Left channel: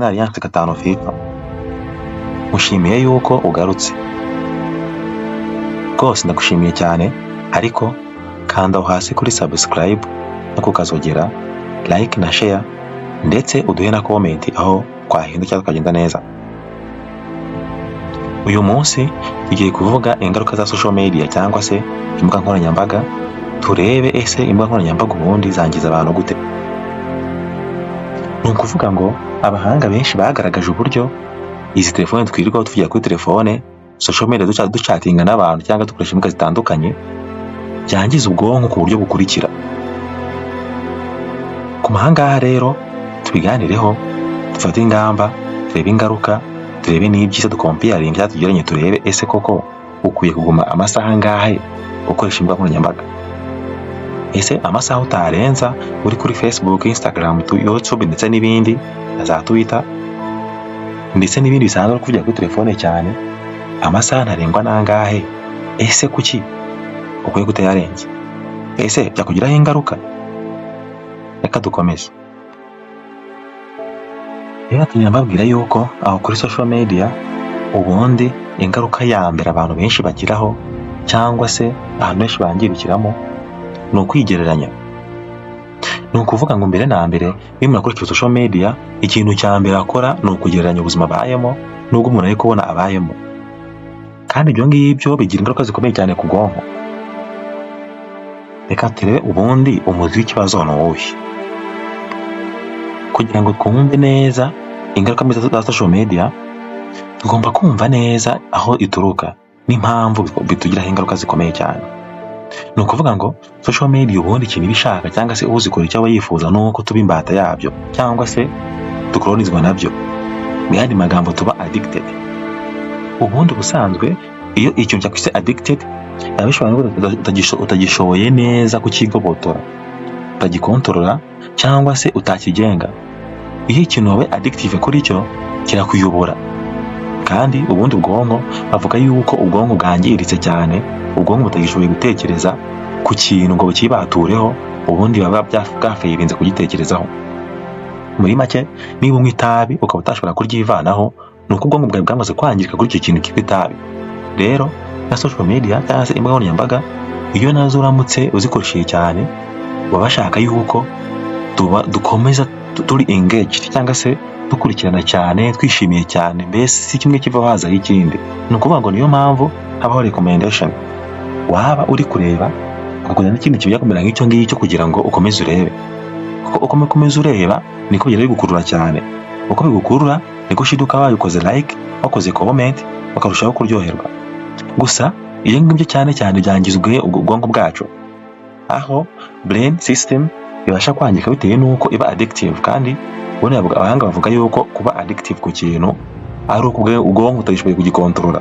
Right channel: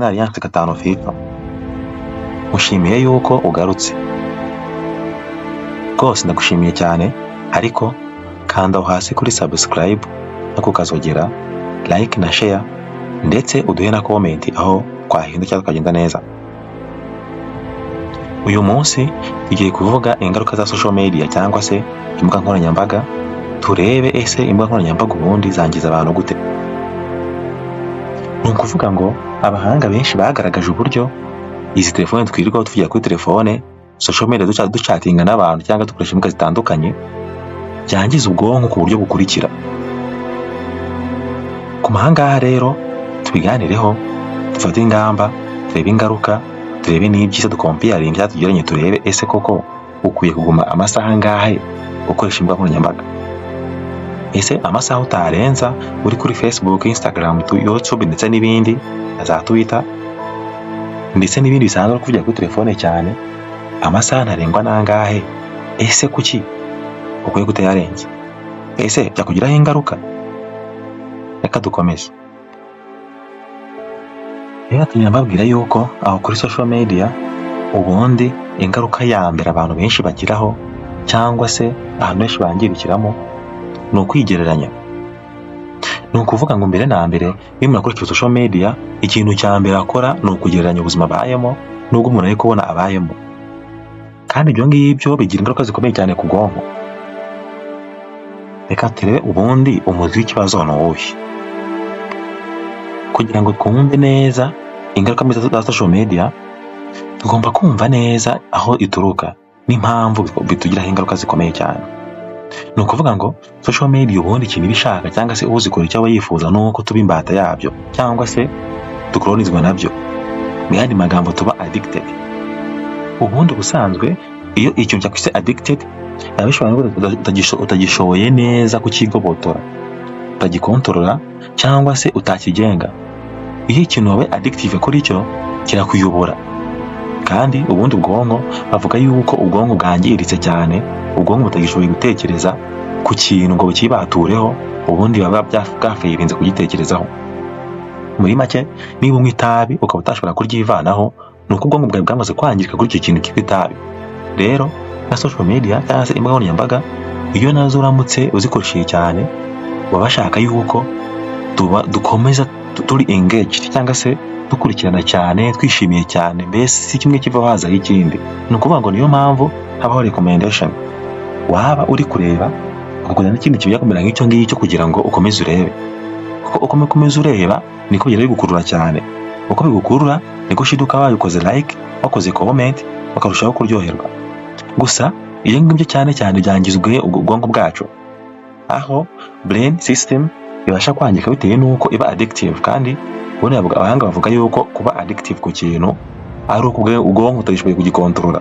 na Alliance Gatanu FIFA mushimiye yuko ugarutse rwose, ndagushimiye cyane, ariko kanda aho hasi kuri subscribe no kukazogera, like na share, ndetse uduhe na comment aho twahinda cyangwa tukagenda neza. Uyu munsi tugiye kuvuga ingaruka za social media cyangwa se imbuga nkoranyambaga, turebe ese imbuga nkoranyambaga ubundi zangiza abantu gute. Ni ukuvuga ngo abahanga benshi bagaragaje uburyo izi telefone twirirwaho tuvugira kuri telefone, social media ducatinga n'abantu cyangwa dukoresha imbuga zitandukanye, byangiza ubwonko ku buryo bukurikira. Ku mahanga rero tubiganireho, dufate ingamba, turebe ingaruka, turebe n'ibyiza, dukomparing cyangwa tugeranye, turebe ese koko ukwiye kuguma amasaha angahe ukoresha imbuga nkoranyambaga. Ese amasaha utarenza uri kuri Facebook, Instagram, YouTube ndetse n'ibindi za Twitter ndetse n'ibindi bisanzwe kuvugira kuri telefone cyane, amasaha ntarengwa nangahe? Ese kuki ukwiye kutayarenza? Ese byakugiraho ingaruka? Reka dukomeze. Rero tunyambabwira yuko aho kuri social media ubundi ingaruka ya mbere abantu benshi bagiraho cyangwa se ahantu benshi bangirikiramo ni ukwigereranya. Ni ukuvuga ngo mbere na mbere iyo umuntu akurikira social media, ikintu cya mbere akora ni ukugereranya ubuzima abayemo n'ubwo umuntu ari kubona abayemo, kandi ibyo ngibyo bigira ingaruka zikomeye cyane ku bwonko. Reka turebe ubundi umuzi w'ikibazo ni uwuhe. Kugira ngo twumve neza ingaruka mbi za social media, tugomba kumva neza aho ituruka n'impamvu bitugiraho ingaruka zikomeye cyane. Ni ukuvuga ngo social media ubundi ikintu ibishaka cyangwa se uzikora icyo aba yifuza nuko tuba imbata yabyo cyangwa se dukolonizwa nabyo. Mu yandi magambo tuba addicted. Ubundi busanzwe iyo ikintu cyakwise addicted, abishobora utagishoboye neza kukigobotora, utagikontorora cyangwa se utakigenga. Iyo ikintu wawe addictive kuri cyo kirakuyobora. Kandi ubundi ubwonko bavuga yuko ubwonko bwangiritse cyane, ubwonko butagishoboye gutekereza ku kintu ngo bukibatureho, ubundi baba bwafayirinze kugitekerezaho. Muri make, niba unywa itabi ukaba utashobora kuryivanaho, ni uko ubwonko bwawe bwamaze kwangirika kuri icyo kintu cyitwa itabi. Rero na social media cyangwa se imbuga nkoranyambaga, iyo nazo uramutse uzikoresheje cyane, baba bashaka yuko dukomeza turi engaged cyangwa se dukurikirana cyane, twishimiye cyane, mbese si kimwe kiva hazaho ikindi. Ni ukuvuga ngo niyo mpamvu habaho recommendation. Waba uri kureba ukakubona n'ikindi kibiya kumera nk'icyo ngicyo kugira ngo ukomeze urebe. Kuko uko ukomeza ureba niko bigenda bigukurura cyane. Uko bigukurura niko ushiduka wabikoze like, wakoze comment, bakarushaho kuryoherwa. Gusa iyo ngibyo cyane cyane byangizwe ubwonko bwacu, aho brain system ibasha kwangika bitewe nuko iba addictive. Kandi ubone abahanga bavuga yuko kuba addictive ku kintu ari uko ubwonko utagishoboye kugikontorora,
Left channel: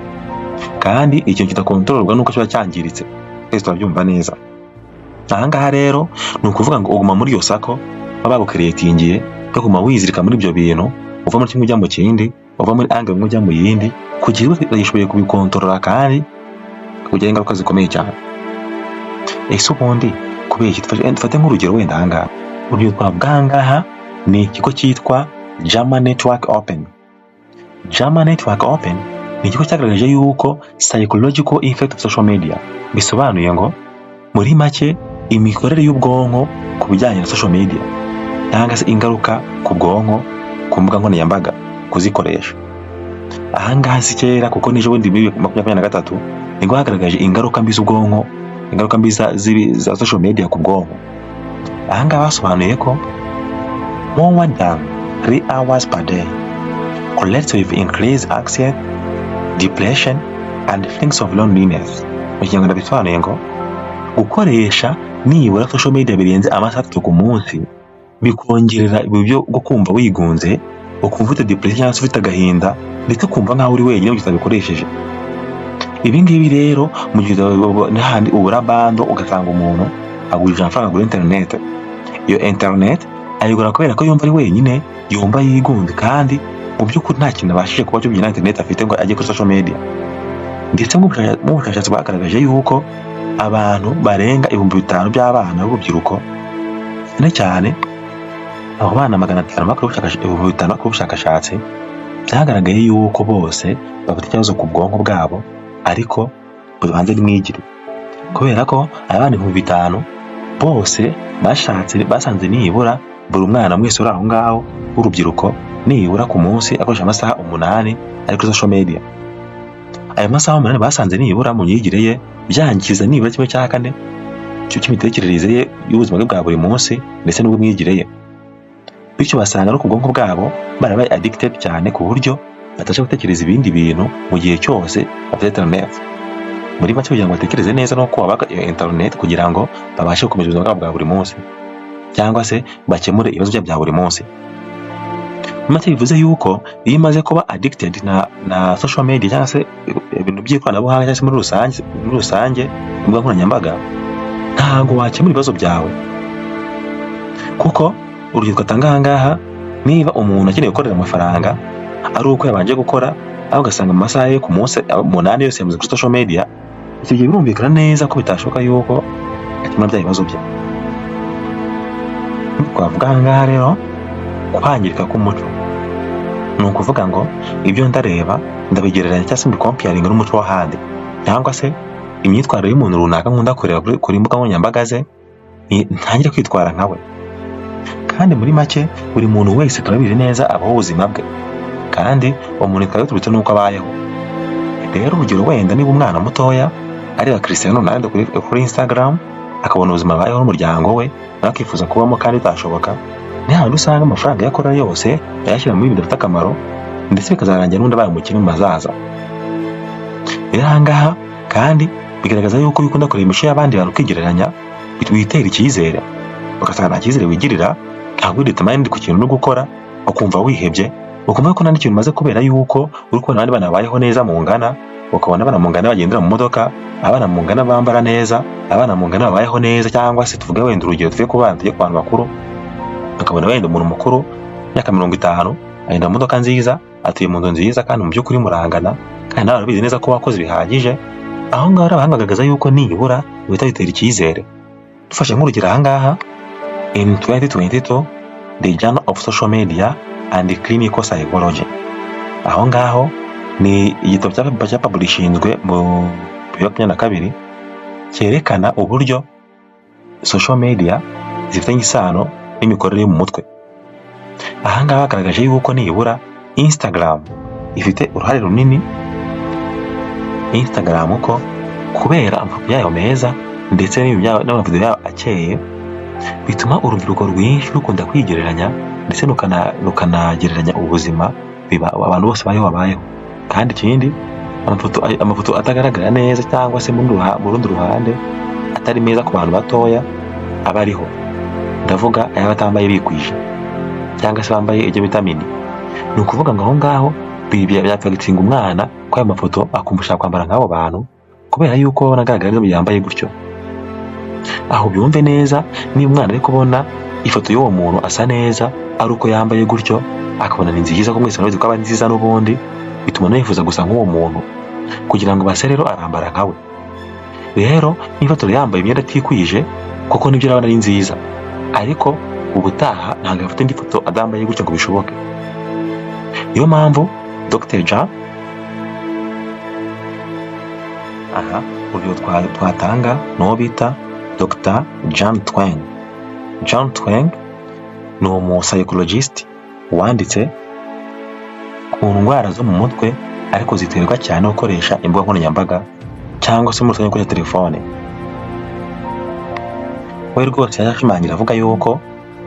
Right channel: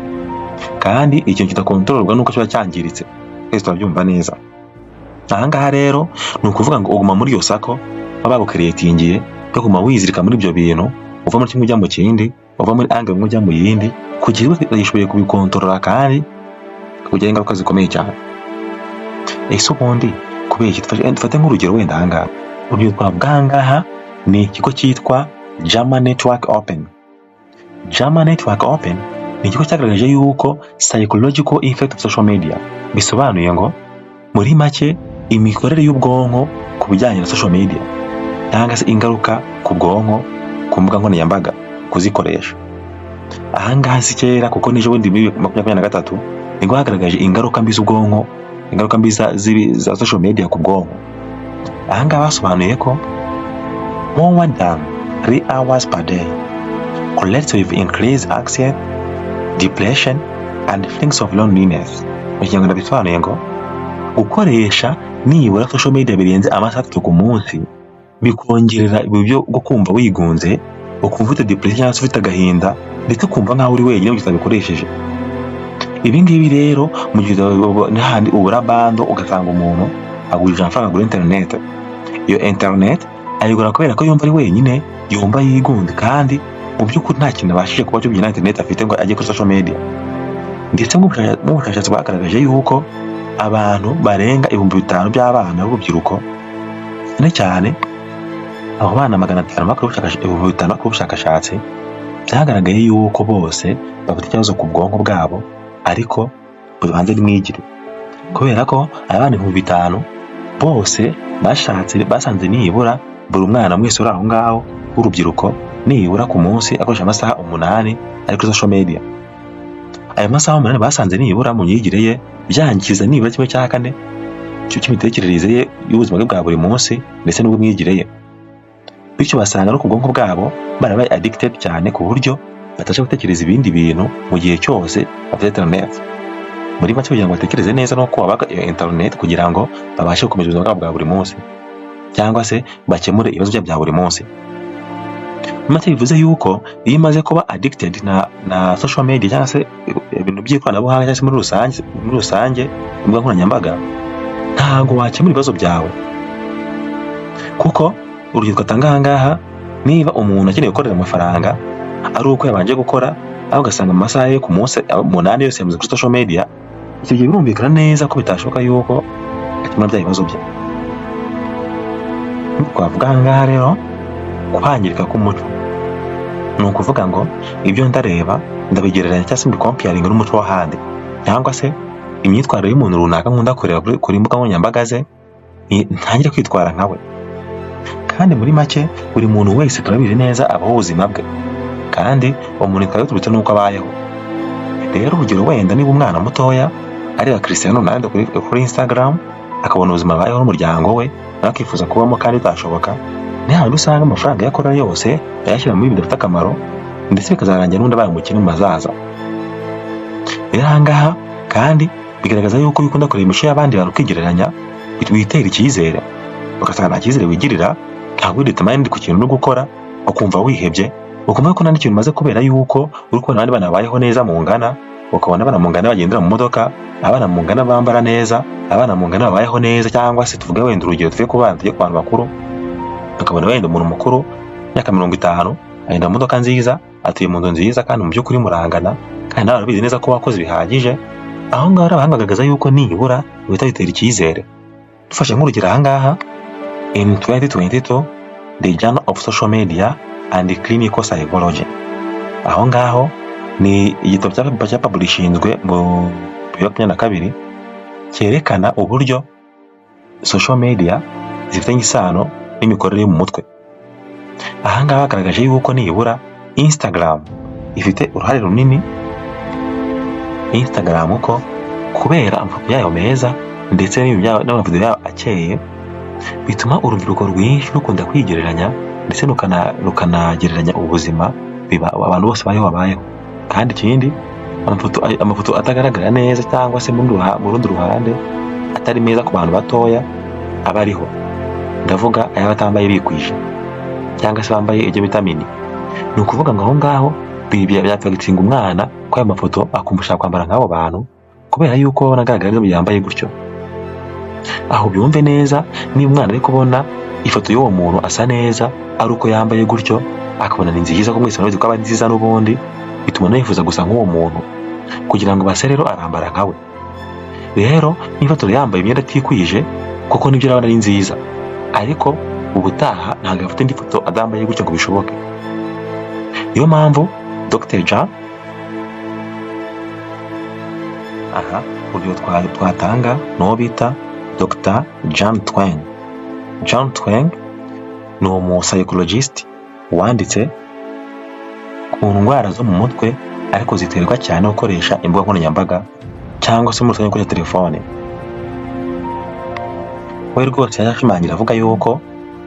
kandi ikintu kitakontororwa nuko kiba cyangiritse. Twese turabyumva neza. Ahangaha rero ni ukuvuga ngo uguma muri iyo sako baba bagucreatingiye yo kuguma wizirika muri ibyo bintu, uva muri kimwe ujya mu kindi, uva muri angle imwe ujya mu yindi, kugira ngo utashoboye kubikontorora kandi kugira ingaruka zikomeye cyane. Ese ubundi kubera iki? Dufate nk'urugero wenda ahangaha. Urugero twavuga ni ikigo cyitwa JAMA Network Open. JAMA Network Open ni ikigo cyagaragaje yuko psychological effect of social media, bisobanuye ngo muri make imikorere y'ubwonko ku bijyanye na social media cyangwa se ingaruka ku bwonko ku mbuga nkoranyambaga kuzikoresha. Ahangaha si kera kuko nije bundi muri 2023 nibwo hagaragaje ingaruka mbi z'ubwonko, ingaruka mbi za social media ku bwonko. Ahangaha basobanuye ko more than 3 hours per day correlates with increased anxiety, depression and feelings of loneliness. Mu Kinyarwanda bisobanuye ngo gukoresha nibura social media birenze amasaha 3 ku munsi bikongerera ibyo bwo kumva wigunze, ukumva ufite depression cyangwa ufite agahinda, ndetse kumva nkaho uri wenyine mu utabikoresheje. Ibi ngibi rero mu gihe n'ahandi ubura bando ugasanga umuntu agurije amafaranga agura internet. Iyo internet ayigura kubera ko yumva ari wenyine, yumva yigunze, kandi mu by'ukuri nta kintu abashije kuba cyo byina internet afite ngo ajye kuri social media. Ndetse mu bushakashatsi bwagaragaje yuko abantu barenga 5,000 by'abana b'urubyiruko cyane abo bana 500 bakora ubushakashatsi byagaragaye yuko bose bafite ikibazo ku bwonko bwabo, ariko bubanze n'imyigire, kubera ko abana 5,000 bose basanze nibura buri mwana mwese uri aho ngaho w'urubyiruko nibura ku munsi akoresha amasaha 8 ari kuri social media. Ayo masaha 8 basanze nibura mu myigire ye byangiza nibura 1/4 cy'imitekerereze ye y'ubuzima bwe bwa buri munsi ndetse n'ubw'imyigire ye. Bityo basanga no ku bwonko bwabo barabaye addicted cyane ku buryo batasha gutekereza ibindi bintu mu gihe cyose bafite internet. Muri make kugira ngo batekereze neza no kubaka iyo internet kugira ngo babashe gukomeza ubuzima bwabo bwa buri munsi cyangwa se bakemure ibibazo bya buri munsi. Make bivuze yuko iyo imaze kuba addicted na social media cyangwa se ibintu by'ikoranabuhanga cyangwa se muri rusange imbuga nkoranyambaga, ntago wakemura ibibazo byawe, kuko urugero twatanga ahangaha, niba umuntu akeneye gukorera amafaranga ari uko yabanje gukora aho ugasanga mu masaha yo ku munsi 8 yose yamaze kuri social media, icyo gihe birumvikana neza ko bitashoboka yuko akemura bya bibazo bye. Twavuga ahangaha rero kwangirika k'umuco, ni ukuvuga ngo ibyo ndareba ndabigereranya cyangwa se mbikomparinga n'umuco w'ahandi, cyangwa se imyitwarire y'umuntu runaka nkunda kureba kuri imbuga nkoranyambaga ze ntangire kwitwara nkawe. Kandi muri make buri muntu wese turabizi neza abaho ubuzima bwe, kandi umuntu ikaba yaturutse n'uko abayeho. Rero urugero wenda niba umwana mutoya areba Cristiano Ronaldo kuri Instagram akabona ubuzima abayeho n'umuryango we akifuza kubamo kandi bitashoboka, ni handi usanga amafaranga yakora yose yayashyira muri ibintu bifite akamaro ndetse bikazarangira n'undi abaye umukene mu mazaza. Rero ahangaha kandi bigaragaza yuko ukunda kureba imico y'abandi bantu ukigereranya, witera icyizere ugasanga nta cyizere wigirira, ntabwo determined ku kintu no gukora, ukumva wihebye, ukumva ko nta n'ikintu umaze kubera yuko uri kubona abandi bana bayeho neza mu ngana, ukabona abana mu ngana bagendera mu modoka, abana mu ngana bambara neza, abana mu ngana babayeho neza, cyangwa se tuvuge wenda urugero tuvuye ku bantu bakuru, ukabona wenda umuntu mukuru myaka 50 agenda mu modoka nziza, atuye mu nzu nziza, kandi mu by'ukuri murangana, kandi nawe urabizi neza ko wakoze bihagije. Aho ngaho abahanga bagaragaza yuko nibura uhita witera icyizere. Dufashe nk'urugero ahangaha, in 2022 the Journal of Social Media and Clinical Psychology, aho ngaho ni igitabo cyapublishinzwe mu 2022 cyerekana uburyo social media zifitanye isano n'imikorere mu mutwe. Aha ngaha bagaragaje yuko nibura Instagram ifite uruhare runini. Instagram ko kubera amafoto yayo meza ndetse n'amavideo yayo akeye, bituma urubyiruko rwinshi rukunda kwigereranya ndetse rukanagereranya ubuzima abantu bose bayeho. Kandi ikindi, amafoto atagaragara neza cyangwa se mu rundi ruhande atari meza ku bantu batoya aba ariho, ndavuga aya batambaye bikwije cyangwa se bambaye ibyo vitamini. Ni ukuvuga ngo aho ngaho byapfagitinga umwana ko ayo mafoto akumusha kwambara nk'abo bantu kubera yuko nagaragara yambaye gutyo. Aho byumve neza, niba umwana ari kubona ifoto y'uwo muntu asa neza ari uko yambaye gutyo, akabona ni nziza ko mwese ko aba nziza, n'ubundi bituma yifuza gusa nk'uwo muntu kugira ngo base rero arambara nkawe. Rero niba yambaye imyenda atikwije kuko nibyo urabona ari nziza, ariko ubutaha ntabwo afite indi foto adambaye gutyo ngo bishoboke. Niyo mpamvu Dr. Jean urugero twatanga n'uwo bita Dr. John Twenge. John Twenge ni umu-psychologist wanditse ku ndwara zo mu mutwe ariko ziterwa cyane no gukoresha imbuga nkoranyambaga cyangwa se umuntu ukoresha telefone. We rwose yashimangira avuga yuko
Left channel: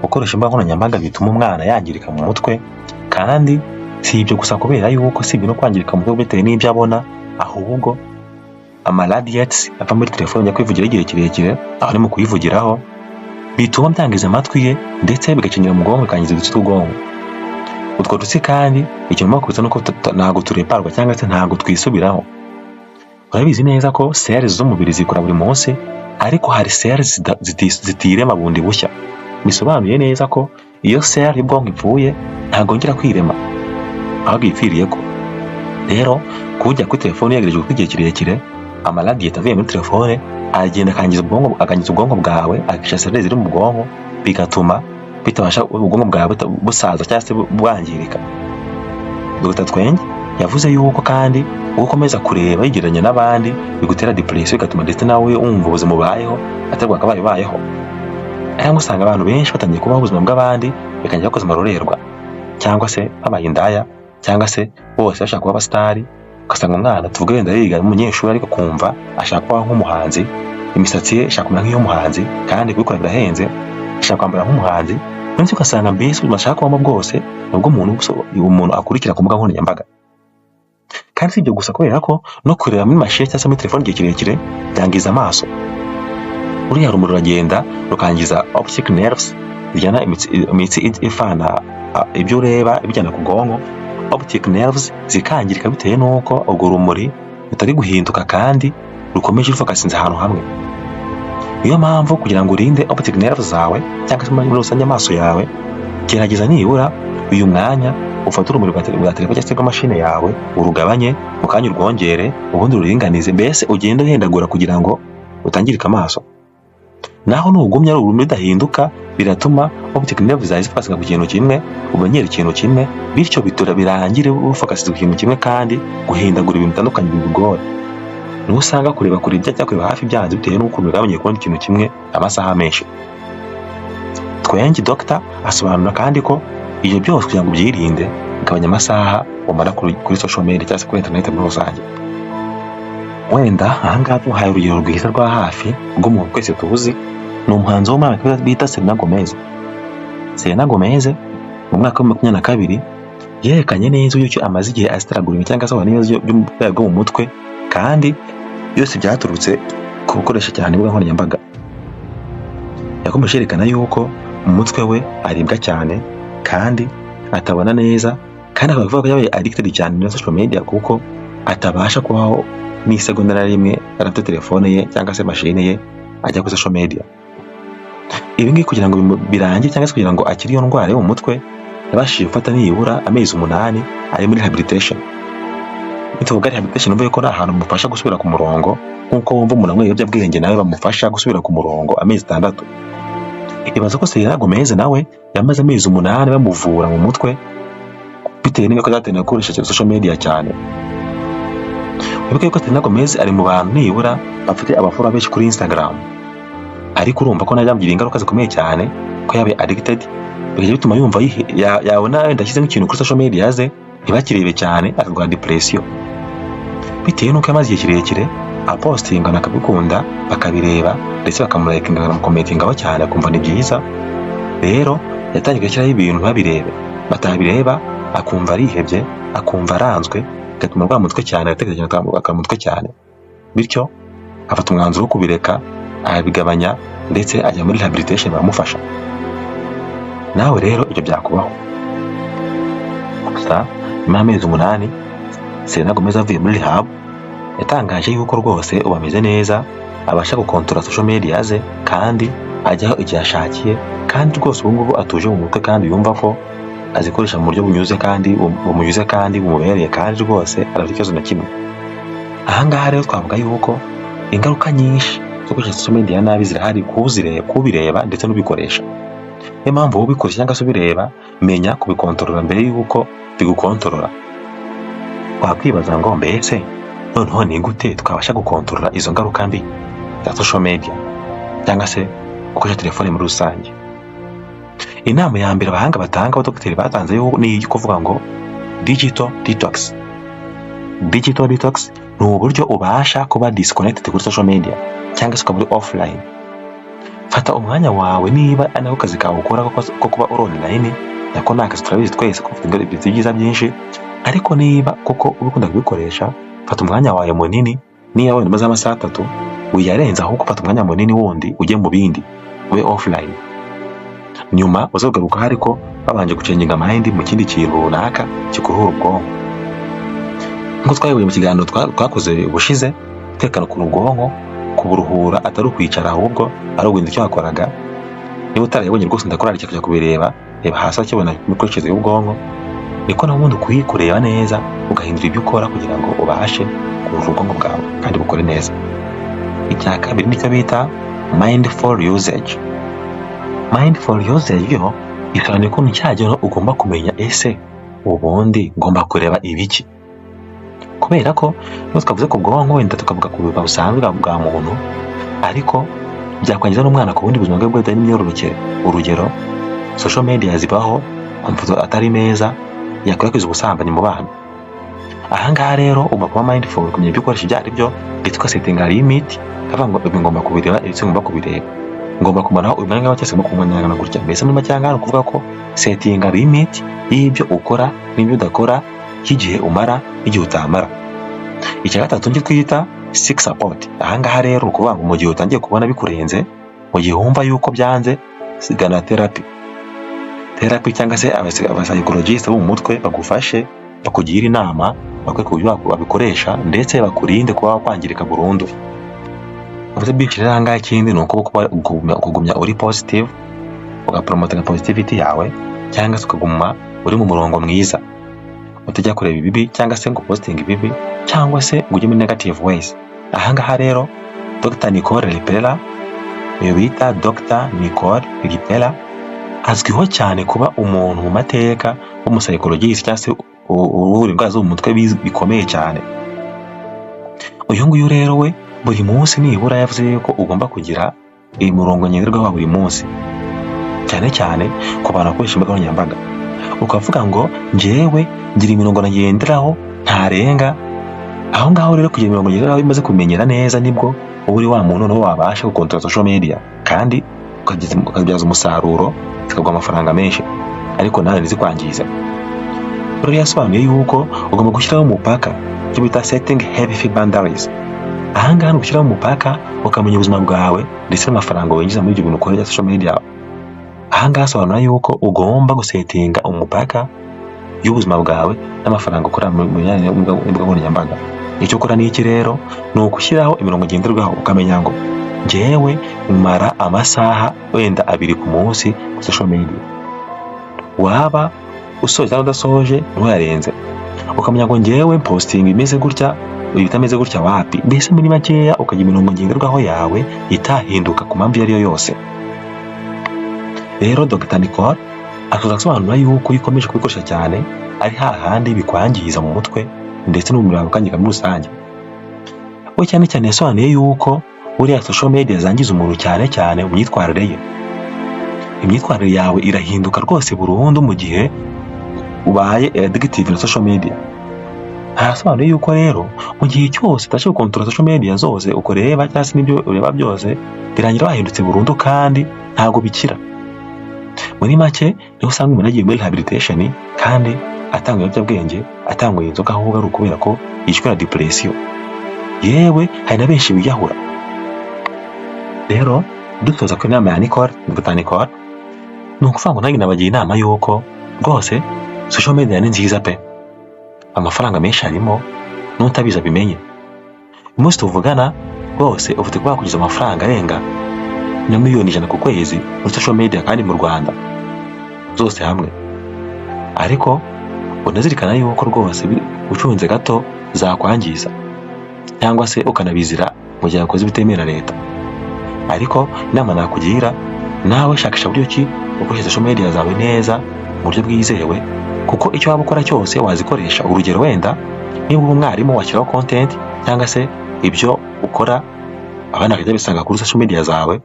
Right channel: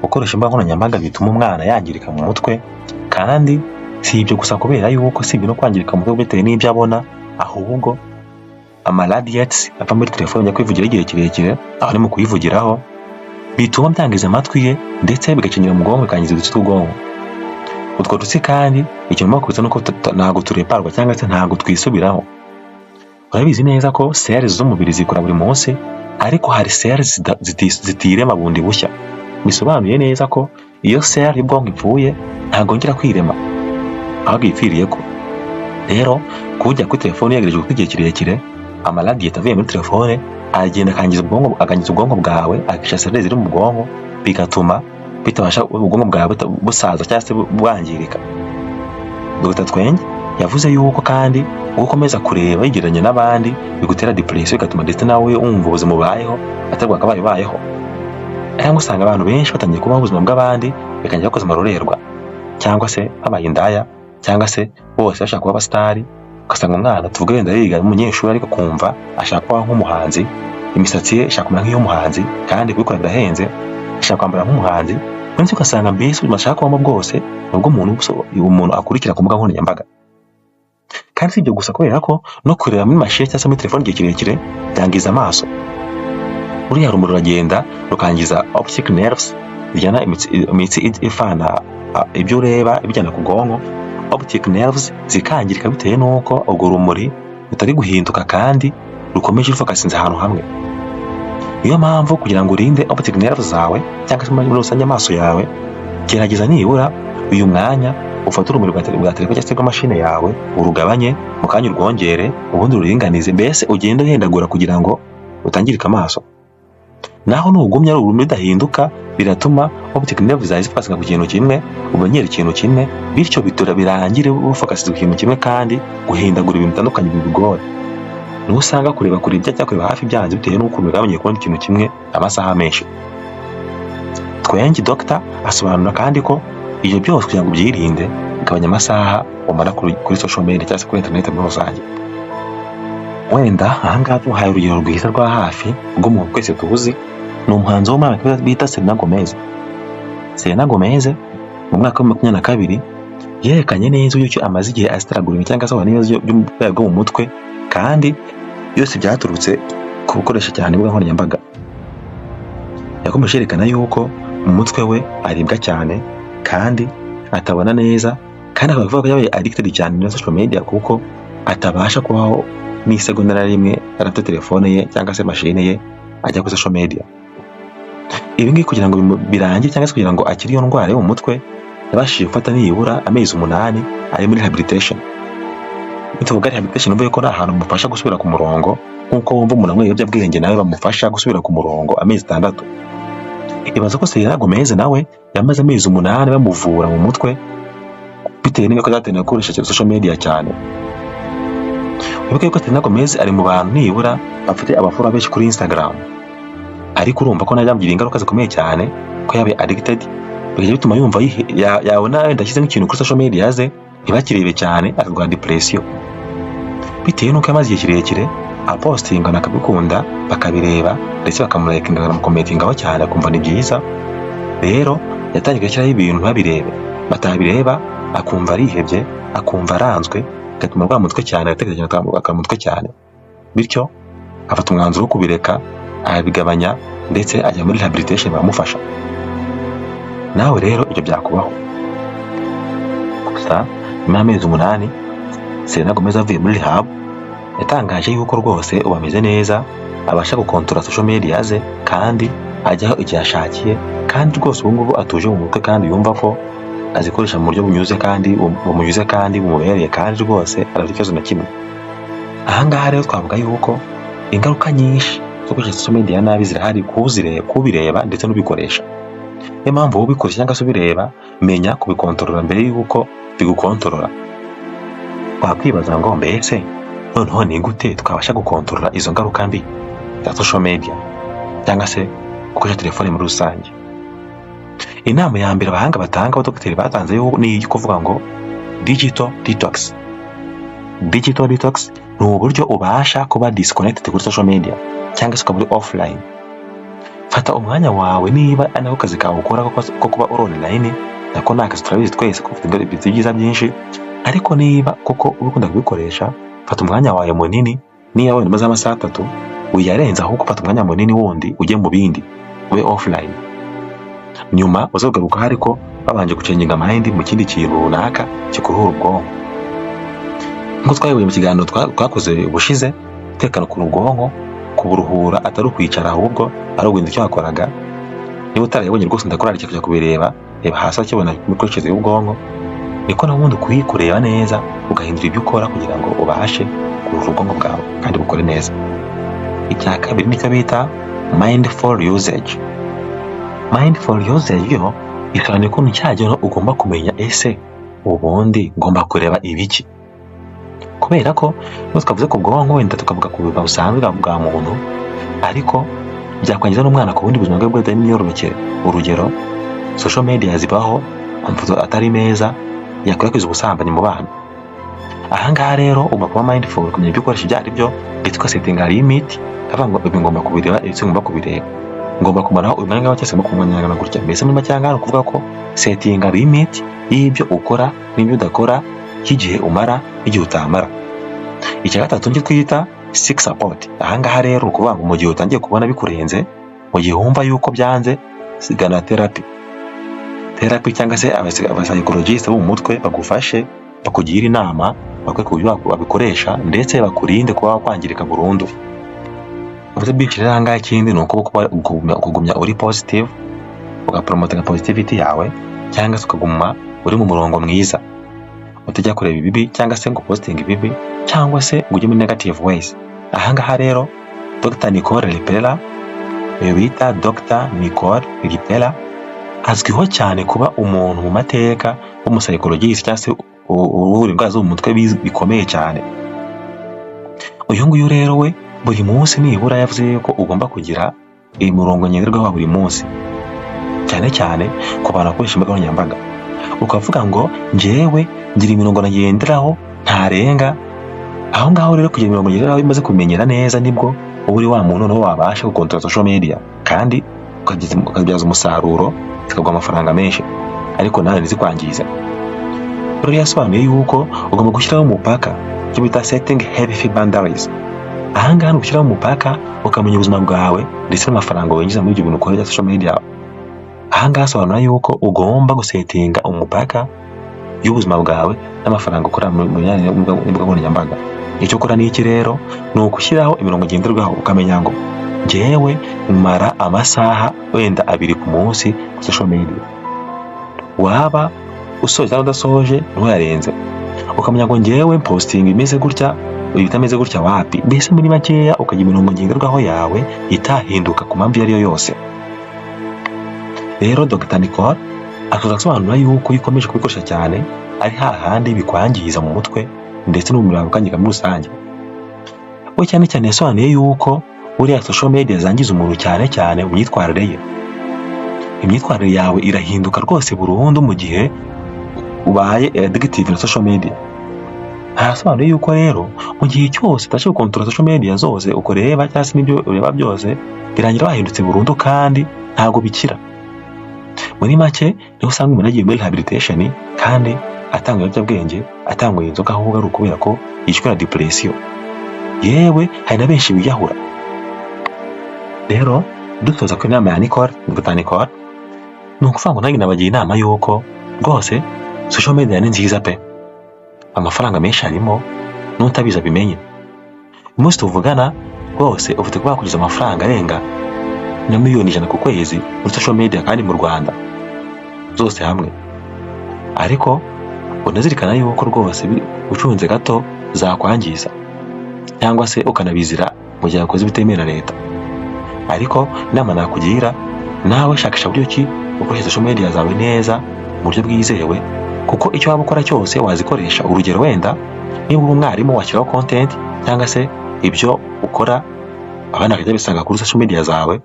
gukoresha imbuga nkoranyambaga bituma umwana yangirika mu mutwe, kandi si ibyo gusa kubera yuko si ibintu kwangirika mu mutwe bitewe n'ibyo abona, ahubwo amaradiates ava muri telefone ajya kwivugira igihe kirekire, aho ni mu kuyivugiraho, bituma byangiza amatwi ye ndetse bigakenyera mu bwonko, bikangiza udutsi tw'ubwonko. Utwo dutsi kandi ikintu bakubita nuko ntabwo tureparwa cyangwa se ntabwo twisubiraho. Urabizi neza ko cells z'umubiri zikora buri munsi, ariko hari cells zitirema bundi bushya. Bisobanuye neza ko iyo cell y'ubwonko ipfuye ntabwo ngera kwirema, ahubwo ipfiriye ko. Rero kujya kuri telefone yagereje igihe kirekire, amaradiate avuye muri telefone agenda akangiza ubwonko bwawe, akisha cells ziri mu bwonko, bigatuma bitabasha ubwonko bwawe busaza cyangwa se bwangirika. Dr. Twenge yavuze yuko kandi ukomeza kureba yigereranya n'abandi bigutera depression, bigatuma ndetse nawe wumva ubuzima ubayeho atari bwakabayeho. Ariko usanga abantu benshi batangiye kubaho ubuzima bw'abandi bikangira bakoze amarorerwa, cyangwa se babaye indaya, cyangwa se bose bashaka kuba abasitari. Ugasanga umwana tuvuge wenda yiga umunyeshuri ariko kumva ashaka kuba nk'umuhanzi, imisatsi ye ishaka kumera nk'iy'umuhanzi kandi kubikora birahenze, ashaka kwambara nk'umuhanzi. Ndetse ugasanga mbese ubuzima ashaka kubamo bwose nubwo umuntu akurikira ku mbuga nkoranyambaga. Kandi si ibyo gusa, kubera ko no kureba muri mashini cyangwa se muri telefone igihe kirekire byangiza amaso. Uriya rumuri ruragenda rukangiza optic nerves, bijyana imitsi ifana ibyo ureba ibijyana ku bwonko. Optic nerves zikangirika bitewe n'uko urwo rumuri rutari guhinduka kandi rukomeje rufokasinze ahantu hamwe. Niyo mpamvu kugira ngo urinde optic nerves zawe cyangwa se muri rusange amaso yawe, gerageza nibura uyu mwanya ufata urumuri rwa telefone cyangwa se rw'amashini yawe, urugabanye mu kanya urwongere, ubundi ruringanize, mbese ugenda uhendagura kugira ngo utangirika amaso. Naho nugumya urumuri rudahinduka, biratuma optic nerves zawe zifokasinga ku kintu kimwe, umenyera ikintu kimwe, bityo bitura birangire ufokasinze ku kintu kimwe kandi guhindagura ibintu bitandukanye bigora. Niho usanga kureba kure cyangwa kureba hafi byanze bitewe n'uko umugabanye kubona ikintu kimwe amasaha menshi. Twenge Dr. asobanura kandi ko ibyo byose kugira ngo ubyirinde, bigabanya amasaha umara kuri social media cyangwa se kuri internet muri rusange. Wenda ahangaha tuhaye urugero rwiza rwa hafi rw'umuntu twese tuzi, ni umuhanzi w'Imana bita Selena Gomez. Selena Gomez mu mwaka wa 2022 yerekanye neza yuko amaze igihe asitaraguringa cyangwa se n'ibibazo byo mu mutwe, kandi byose byaturutse ku gukoresha cyane imbuga nkoranyambaga. Yakomeje yerekana yuko mu mutwe we aribwa cyane kandi atabona neza, kandi akavuga ko yabaye addicted cyane na social media kuko atabasha kubaho n'isegonda na rimwe arafite telefone ye cyangwa se mashine ye ajya kuri social media. Ibi ngibi kugira ngo birangire cyangwa se kugira ngo akiri iyo ndwara yo mu mutwe, yabashije gufata nibura amezi 8 ari muri rehabilitation. Ituvuga rehabilitation mvuye ko ari ahantu mufasha gusubira ku murongo, nkuko wumva umuntu amwe ibiyobyabwenge nawe bamufasha gusubira ku murongo amezi 6. Ibaza ko Selena Gomez nawe yamaze amezi 8 bamuvura mu mutwe bitewe n'uko yatangiye gukoresha social media cyane. Wibuke ko Selena Gomez ari mu bantu nibura bafite abafora benshi kuri Instagram, ariko urumva ko najamugira ingaruka zikomeye cyane ko yabaye addicted, bigeze bituma yumva yabona ndashyize nk'ikintu kuri social media ze ntibakirebe cyane, akarwara depression bitewe n'uko yamaze igihe kirekire apostinga nakabikunda bakabireba ndetse bakamurayikinga bakamukomentingaho cyane akumva ni byiza. Rero yatangiye gushyiraho ibintu babirebe, batabireba akumva arihebye, akumva aranzwe, gatuma rwa mutwe cyane atekereje akamutwe cyane, bityo afata umwanzuro wo kubireka, arabigabanya ndetse ajya muri rehabilitation baramufasha. Nawe rero ibyo byakubaho. Gusa nyuma y'amezi 8 Selena Gomez avuye muri rehab, yatangaje yuko rwose ubameze neza, abasha gukontorora social media ze kandi ajyaho igihe ashakiye, kandi rwose ubu ngubu atuje mu mutwe kandi yumva ko azikoresha mu buryo bunyuze kandi bumunyuze kandi bumubereye, kandi rwose arafite ikibazo na kimwe. Ahangaha rero twavuga yuko ingaruka nyinshi zo gukoresha social media nabi zirahari kubireba ndetse n'ubikoresha. Niyo mpamvu ubikoresha cyangwa se ubireba, menya kubikontorora mbere yuko bigukontorora. Wakwibaza ngo mbese noneho ni gute twabasha gukontorora izo ngaruka mbi za social media cyangwa se gukoresha telefone muri rusange? Inama ya mbere abahanga batanga abadokiteri batanze yo ni kuvuga ngo digital detox. Digital detox ni uburyo ubasha kuba disconnected kuri social media cyangwa se ukaba offline. Fata umwanya wawe niba anako kazi kawe ukora ko kuba online, nako nakazi turabizi twese ko ufite ibyiza byinshi, ariko niba koko ubikunda kubikoresha, fata umwanya wawe munini, niba wenda maze amasaha 3 uyarenza ahubwo fata umwanya munini wundi ujye mu bindi, ube offline. Nyuma uzagaruka hariko babanje gucenginga mind mu kindi kintu runaka kikuruhura ubwonko. Ngo twayoboye mu kiganiro twakoze ubushize, tekana ku ubwonko kuburuhura atari ukwicara ahubwo ari uguhinda icyo wakoraga. Niba utarayibonye rwose ndakora kujya kubireba, reba hasi akibona imikoreshereze y'ubwonko, niko na wundi kuyikureba neza ugahindura ibyo ukora kugira ngo ubashe kuruhura ubwonko bwawe kandi bukore neza. Icya kabiri nicyo bita mindful usage. Mindful usage yo bisobanuye ko nticyagera ugomba kumenya ese ubundi ngomba kureba ibiki, kubera ko niba twavuze ku bwonko wenda tukavuga ku buzima busanzwe bwa muntu, ariko byakwangiza n'umwana ku bundi buzima bwe bwite n'imyororokere. Urugero, social media zibaho amafoto atari meza yakwirakwiza ubusambanyi mu bana. Ahangaha rero ugomba kuba mindful kumenya ibyo ukoresha ibyo ari byo, ndetse ugasetinga limit kavuga ngo ibi ngomba kubireba, ndetse ngomba kubireba, ngomba kumaraho uyu mwanya cyangwa se ngomba kumwanyagana gutya. Mbese muri make ni ukuvuga ko setinga limit y'ibyo ukora n'ibyo udakora, y'igihe umara n'igihe utamara. Icya gatatu nicyo twita seek support. Ahangaha rero ukuvuga ngo mu gihe utangiye kubona bikurenze, mu gihe wumva yuko byanze, sigana therapy cyangwa se abapsychologist bo mu mutwe bagufashe, bakugira inama, bakwereka uburyo babikoresha, ndetse bakurinde kuba wakwangirika burundu. Ubuze bw'ikirere ahangaha ikindi ni uko kugumya uri positive, ugapromotinga positivity yawe, cyangwa se ukaguma uri mu murongo mwiza, utajya kureba ibibi cyangwa se ngo posting ibibi, cyangwa se ngo ujye muri negative ways. Ahangaha rero Dr. Nicole Ripera, uyu bita Dr. Nicole Ripera, azwiho cyane kuba umuntu mu mateka w'umusaykologist cyangwa se uvura indwara zo mu mutwe bikomeye cyane. Uyu nguyu rero we buri munsi nibura yavuze ko ugomba kugira umurongo ngenderwaho buri munsi, cyane cyane ku bantu bakoresha imbuga nkoranyambaga. Ukavuga ngo njyewe ngira imirongo nagenderaho ntarenga. Aho ngaho rero kugira imirongo ngenderaho imaze kumenyera neza, nibwo uba uri wa muntu n'uwo wabasha gukontorora social media, kandi ukabyaza umusaruro zikaguha amafaranga menshi, ariko nawe ntizikwangize. Rero yasobanuye yuko ugomba gushyiraho umupaka, icyo bita setting healthy boundaries. Ahangaha ni ugushyiraho umupaka, ukamenya ubuzima bwawe ndetse n'amafaranga winjiza muri ibyo bintu ukorera social media. Ahangaha asobanura yuko ugomba gusetinga umupaka y'ubuzima bwawe n'amafaranga ukora mu mbuga nkoranyambaga. Icyo ukora ni iki rero? Ni ugushyiraho imirongo ngenderwaho, ukamenya ngo njyewe mara amasaha wenda 2 ku munsi ku social media. Waba usoje cyangwa udasoje ntuyarenze. Ukamenya ngo njyewe posting imeze gutya, ibitameze gutya wapi. Mbese muri makeya ukagira imirongo ngenderwaho yawe itahinduka ku mpamvu iyo ari yo yose. Rero Dr. Nicole akasobanura yuko ikomeje kubikoresha cyane ari hahandi bikwangiza mu mutwe ndetse no mu mirongo kangika muri rusange. We cyane cyane yasobanuye yuko uriya social media zangiza umuntu cyane mu myitwarire ye. Imyitwarire yawe irahinduka rwose burundu mu gihe ubaye addictive na social media. Arasobanuye yuko rero mu gihe cyose utashe gukontorora social media zose ukoreba cyangwa se n'ibyo ureba byose, birangira wahindutse burundu kandi ntago bikira. Muri make niho usanga umuntu agiye muri rehabilitation kandi atanga ibiyobyabwenge, atanga inzoga, ahubwo ari ukubera ko yishwe na depression. Yewe hari na benshi biyahura. Rero dusoza ku inama ya Dr. Nicole, ni ukuvuga ngo nanjye nabagira inama yuko rwose social media ni nziza pe, amafaranga menshi arimo, n'utabiza bimenye. Umunsi tuvugana rwose ufite kuba kugeza amafaranga arenga na miliyoni 100 ku kwezi muri social media kandi mu Rwanda zose hamwe. Ariko unazirikana yuko rwose ucunze gato zakwangiza, cyangwa se ukanabizira mu gihe ukoze bitemera leta. Ariko inama nakugira, nawe shakisha buryo ki ukoresha social media zawe neza mu buryo bwizewe, kuko icyo waba ukora cyose wazikoresha. Urugero wenda niba uri umwarimu washyiraho content cyangwa se ibyo ukora abana bakajya bisanga kuri social media zawe.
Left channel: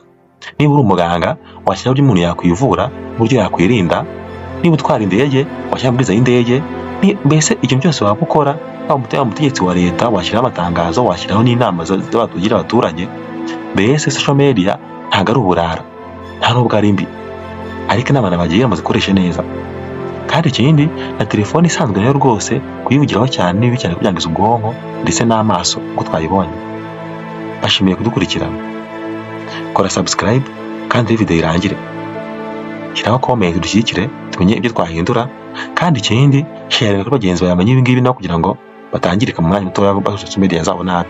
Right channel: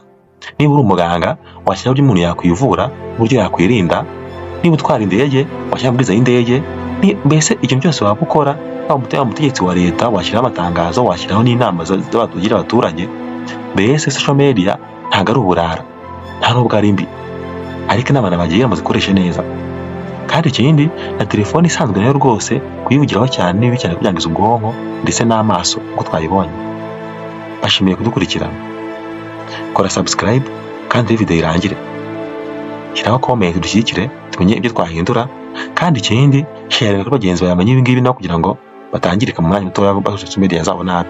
Niba uri umuganga washyiraho uburyo umuntu yakwivura, uburyo yakwirinda. Niba utwara indege washyiraho amabwiriza y'indege. Mbese icyo byose waba ukora, waba umutegetsi wa leta washyiraho amatangazo, washyiraho n'inama z'abatugira abaturage. Mbese social media ntabwo ari uburara, nta nubwo ari mbi, ariko inama nabagira muzikoreshe neza. Kandi ikindi na telefone isanzwe nayo rwose kuyivugiraho cyane nibi cyane kubyangiza ubwonko ndetse n'amaso uko twayibonye. Bashimiye kudukurikirana. Kora subscribe kandi video irangire. Shyiraho comment dushyigikire tumenye ibyo twahindura, kandi ikindi share kuri bagenzi bawe bamenye ibingibi no kugira ngo batangirika mu mwanya muto wa social media zabo nabi.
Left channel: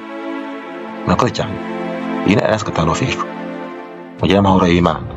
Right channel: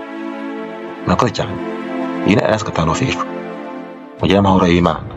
Murakoze cyane. Iyi ni Alaska Tano Official. Mugire amahoro y'Imana.